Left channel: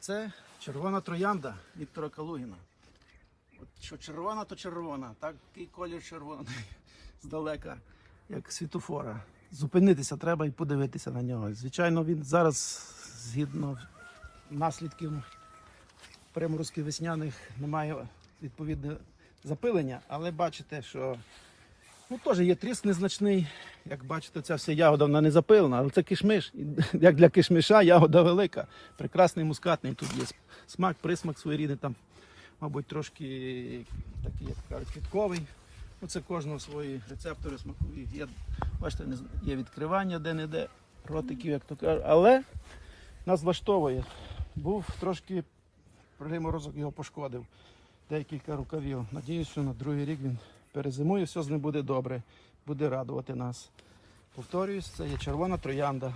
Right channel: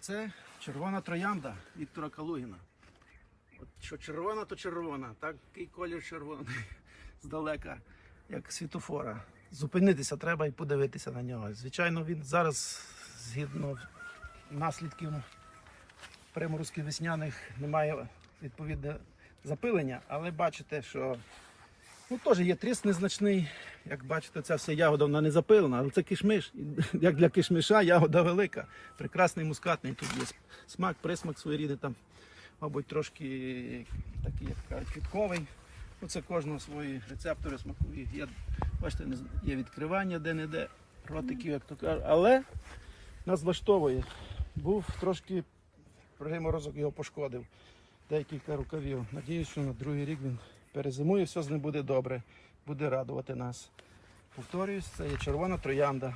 Це червона троянда Віктора Калугіна. От що червона, то червона. Такий колір червоний здалека, як світофора. Зупинитися треба і подивитися на нього. Звичайно, він зараз, згідно наслідків приморозків весняних, немає відповідне запилення, але бачите, що ну, теж є тріск незначний. Як бачите, ця вся ягода вона не запилена, але це кишмиш. Як для кишмиша ягода велика. Прекрасний мускатний тут є смак, присмак своєрідний там, мабуть, трошки такий, як кажуть, квітковий. Ну, це кожного свої рецептори смакові. Є, бачите, є відкривання де-не-де, ротиків, як то кажуть. Але нас влаштовує. Був трошки морозок його пошкодив. Декілька рукавів. Надіюсь, що на другий рік він перезимує, все з ним буде добре, буде радувати нас. Повторююсь, це є червона троянда